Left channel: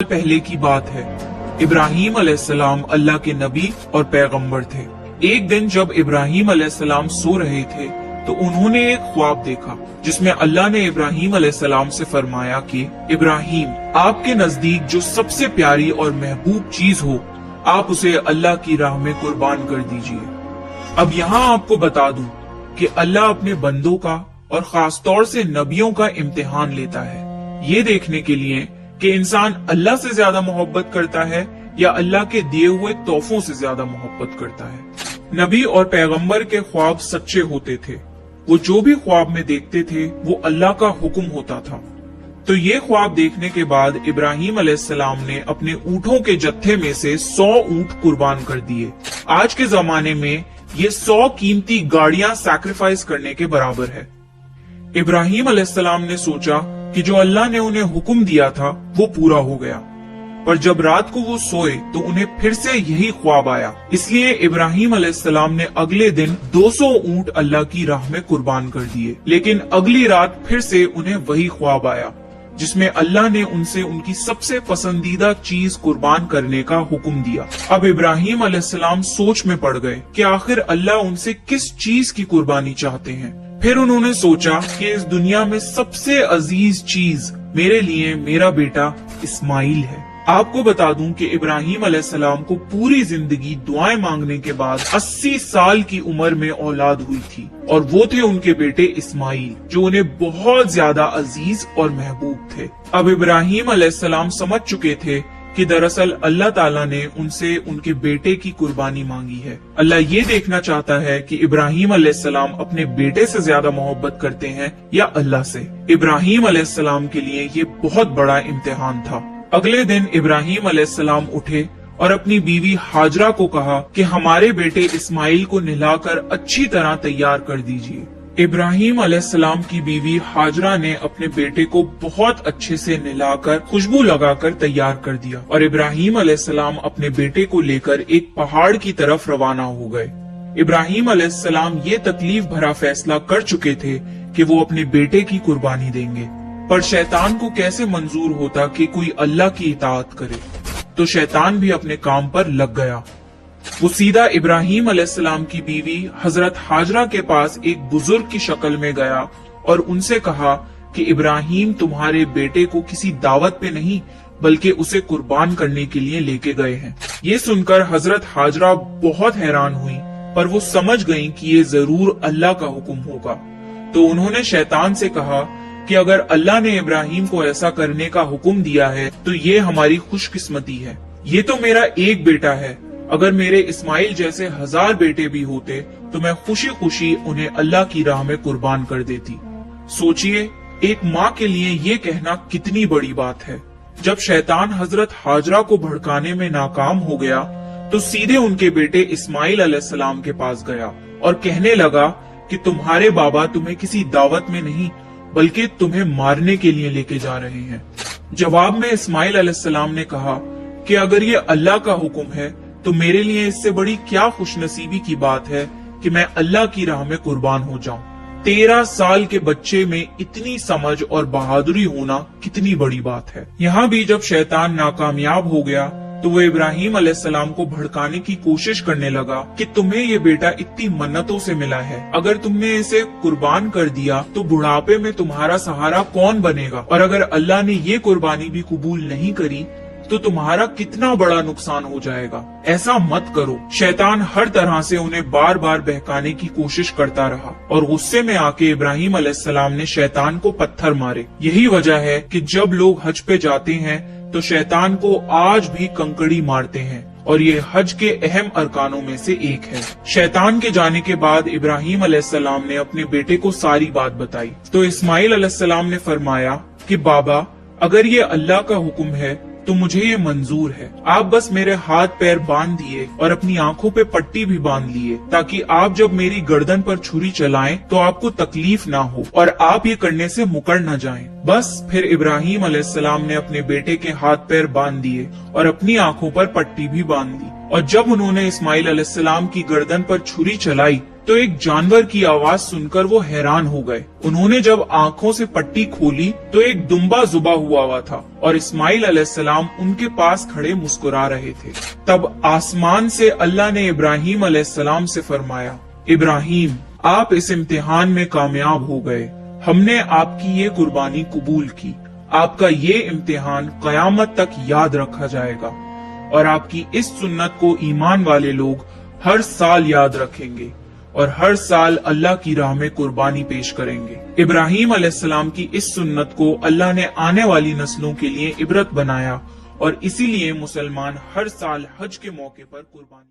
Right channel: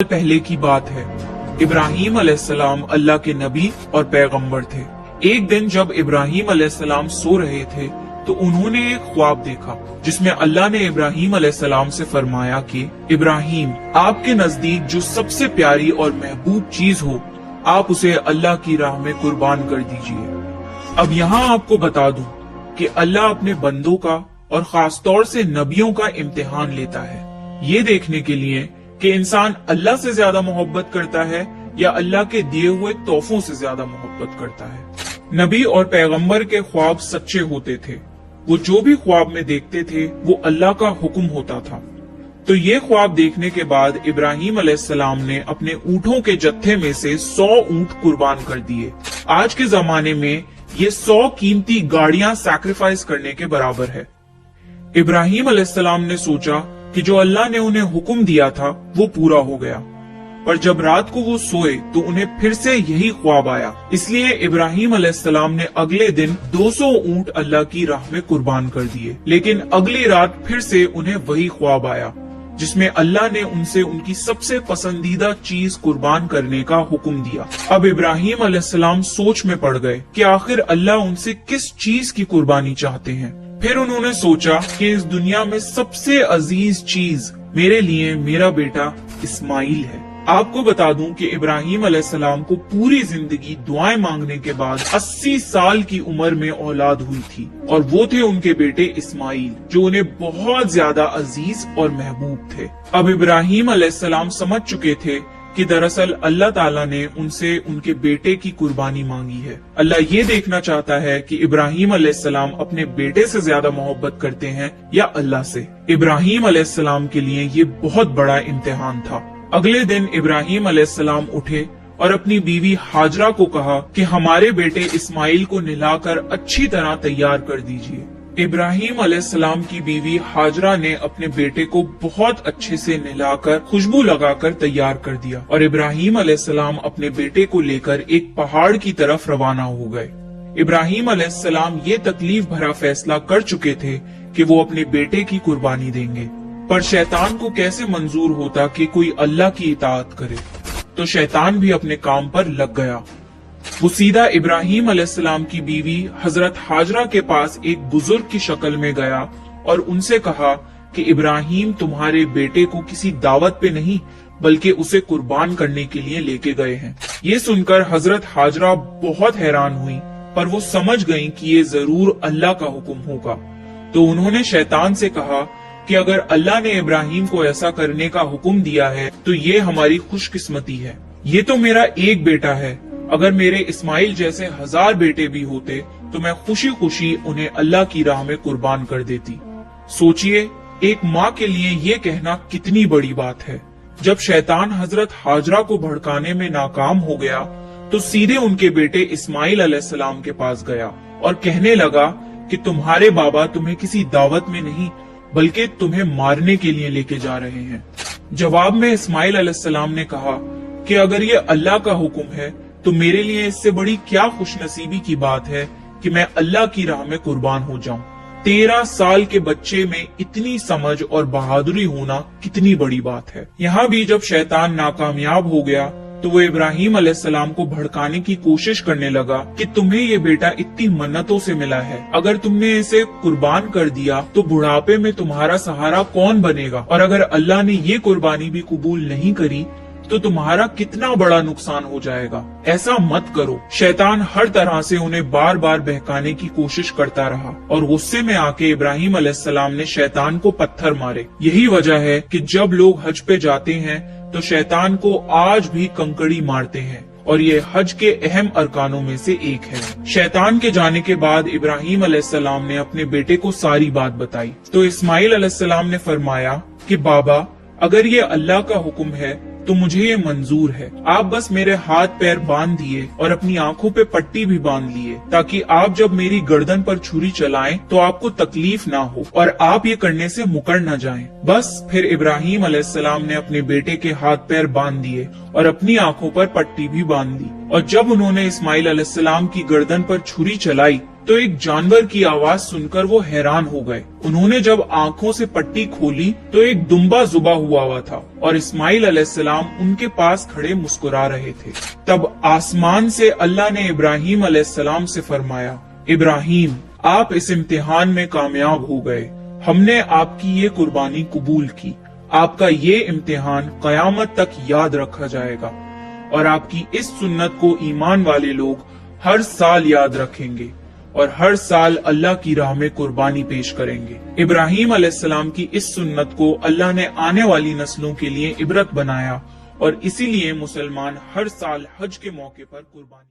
पहले की बात है। इब्राहीम अलैहिस्सलाम अल्लाह के नबी और पैगंबर थे। एक दिन जब इब्राहीम अलैहिस्सलाम सो रहे थे तो उन्होंने एक ख्वाब देखा जिसमें अल्लाह ने इब्राहीम अलैहिस्सलाम से फरमाया कि इब्राहीम, आपके नजदीक जो सबसे प्यारी और महबूब चीज हो आप उसे अल्लाह की राह में कुर्बान कर दीजिए। अब यहाँ आपको बता दूं कि अल्लाह अपने बंदों का और खास तौर से नबियों का इम्तिहान लेता है, ये देखने के लिए कि इंसान अल्लाह से ज्यादा मोहब्बत करता है या अल्लाह के दिए हुए तोहफों से ज्यादा मोहब्बत करता है। नबी और पैगंबर के ख्वाब सच्चे होते थे। वो जो भी ख्वाब में देखते थे वो अल्लाह का हुक्म होता था। तो ये ख्वाब देखने के बाद इब्राहीम अलैहिस्सलाम ने अपने ऊँटों के जत्थे में से 100 ऊँट कुर्बान कर दिए। आज के जमाने में ये 100 कीमती गाड़ियां सैक्रिफाइस करने के बराबर है। इब्राहीम अलैहिस्सलाम ने सोचा कि जो अल्लाह ने उन्हें हुक्म दिया था वो पूरा हो गया, पर जब रात को वो सोए तो उन्हें फिर से यही ख्वाब आया। इसलिए इब्राहीम अलैहिस्सलाम ने अगले दिन 200 ऊँट अल्लाह की राह में कुर्बान कर दिए। लेकिन अगली रात फिर से उन्हें वही ख्वाब आया जिसमें अल्लाह ने उनसे उनकी सबसे पसंदीदा चीज कुर्बान करने का हुक्म दिया। अब इब्राहीम अलैहिस्सलाम सोच में पड़ गए कि आखिर अल्लाह उनसे किस चीज की कुर्बानी चाहते हैं। फिर उन्होंने सोचा कि इस दुनिया में सबसे अजीज चीज मेरे लिए मेरा बेटा इस्माइल है। आपको बता दूं कि इब्राहीम अलैहिस्सलाम को पूरी जिंदगी दुआएं मांगने के बाद 80 साल की उम्र में औलाद हुई थी और वो थे उनके बेटे इस्माइल, जो उन्हें बहुत ज्यादा अजीज और महबूब थे। अब इब्राहीम अलैहिस्सलाम समझ चुके थे कि दरअसल अल्लाह ताला ने उनसे उनके बेटे की कुर्बानी मांगी है। अल्लाह ये देखना चाहता है कि इब्राहीम अलैहिस्सलाम अपने बेटे से ज्यादा मोहब्बत करते हैं या अल्लाह से। इब्राहीम अलैहिस्सलाम के लिए ये बहुत बड़ा इम्तिहान था। अगले दिन इब्राहीम अलैहिस्सलाम उठे और अपनी बीवी हाजरा को कहा कि हमारे बेटे इस्माइल को नहलाकर अच्छी तरह तैयार कर दीजिए। इब्राहीम अलैहिस्सलाम की बीवी हाजरा ने अपने बेटे को बहुत अच्छे से नहलाकर खुशबू लगाकर तैयार कर दिया और इब्राहीम अलैहिस्सलाम अपने बेटे को लेकर एक पहाड़ की तरफ रवाना हो गए। इब्राहीम अलैहिस्सलाम ये तकलीफ भरा फैसला कर चुके थे कि वो अपने बेटे की कुर्बानी देंगे, पर शैतान को कैसे मंजूर होता कि कोई अल्लाह की इताअत करे। तो शैतान भी अपने काम पर लग गया। वो सीधा इब्राहीम अलैहिस्सलाम की बीवी हजरत हाजरा के पास एक बुजुर्ग की शक्ल में गया और उनसे कहा कि इब्राहीम तुम्हारे बेटे को किसी दावत पे नहीं बल्कि उसे कुर्बान करने के लिए लेके गए हैं। ये सुनकर हजरत हाजरा बहुत हैरान हुई, पर वो समझ गयी कि ये जरूर अल्लाह का हुक्म होगा। तो उन्होंने शैतान से कहा कि अगर अल्लाह ने इब्राहीम को ऐसा करने का हुक्म दिया है तो ये हमारी खुशकिस्मती है। ये तो मेरा एक बेटा है, अगर मेरे इस्माइल जैसे 1000 बेटे भी होते तो मैं खुशी खुशी उन्हें अल्लाह की राह में कुर्बान कर देती। सोचिए, एक माँ के लिए ये कहना कितनी बड़ी बात है। जब शैतान हजरत हाजरा को भड़काने में नाकाम हो गया तो सीधे उनके बेटे इस्माइल अलैहिस्सलाम के पास गया और कहने लगा कि तुम्हारे बाबा तुम्हें किसी दावत में नहीं बल्कि तुम्हें मारने के लिए लेके जा रहे हैं। जवाब में इस्माइल अलैहिस्सलाम ने कहा कि अगर ये अल्लाह का हुक्म है तो मेरे लिए इससे बड़ी क्या खुशनसीबी की बात है कि मैं अल्लाह की राह में कुर्बान हो जाऊं। 13 साल के बच्चे में इतनी समझ और बहादुरी होना कितनी बड़ी बात है। यहाँ भी जब शैतान नाकामयाब हो गया तो वो इब्राहीम अलैहिस्सलाम को भड़काने की कोशिश करने लगा कि तुम्हें ये बेटा इतनी मन्नतों से मिला है, अगर तुमने इसे कुर्बान कर दिया तो बुढ़ापे में तुम्हारा सहारा कौन बनेगा, और अगर अल्लाह ने ये कुर्बानी भी कबूल नहीं करी तो तुम्हारा कितना बड़ा नुकसान हो जाएगा। ऐसा मत करो। शैतान हर तरह से उन्हें बार बार बहकाने की कोशिश करता रहा और गुस्से में आके इब्राहीम अलैहिस्सलाम ने शैतान को पत्थर मारे। यही वजह है कि जब लोग हज पे जाते हैं तो शैतान को आज भी कंकड़ी मारते हैं और ये हज के अहम अरकानों में से एक है। शैतान के जाने के बाद इब्राहीम अलैहिस्सलाम ने अपने बेटे को सारी बात बताई तो इस्माइल अलैहिस्सलाम ने फरमाया कि बाबा, अगर ये अल्लाह का हुक्म है तो मुझे ये मंजूर है। आप बस मेरे हाथ पैर बांध दिए और अपनी आंखों पे पट्टी भी बांध लिए ताकि आप जब मेरी गर्दन पर छुरी चलाएं तो आपको तकलीफ ना हो और आप ये करने से मुकर न जाएं। बस फिर इब्राहीम अलैहिस्सलाम ने अपने बेटे के हाथ पैर बांध दिए और अपनी आंखों पर पट्टी भी बांध दी और जब उन्होंने इस्माइल अलैहिस्सलाम की गर्दन पर छुरी चलाई تو ایک جانور کی آواز سن کر وہ حیران ہو گئے۔ انہوں نے جب آنکھوں سے پٹی کھولی تو ایک دمبا ذبح ہوا تھا اور اسماعیل علیہ السلام ان کے پاس کھڑے مسکرا رہے تھے۔ تب آسمان سے اللہ نے ابراہیم علیہ السلام سے فرمایا، ابراہیم آپ اس امتحان میں کامیاب ہو گئے، ہم نے آپ کی یہ قربانی قبول کی، آپ کا یہ امتحان قیامت تک یاد رکھا جائے گا اور آپ کی اس سنت کو ایمان والے لوگ ہر سال یاد رکھیں گے اور ہر سال اللہ کی راہ میں قربانی پیش کریں گے۔ ابراہیم علیہ السلام کی اس سنت کو اللہ نے آنے والی نسلوں کے لیے عبرت بنایا اور اسی لیے مسلمان ہر سال حج کے موقع پر قربانی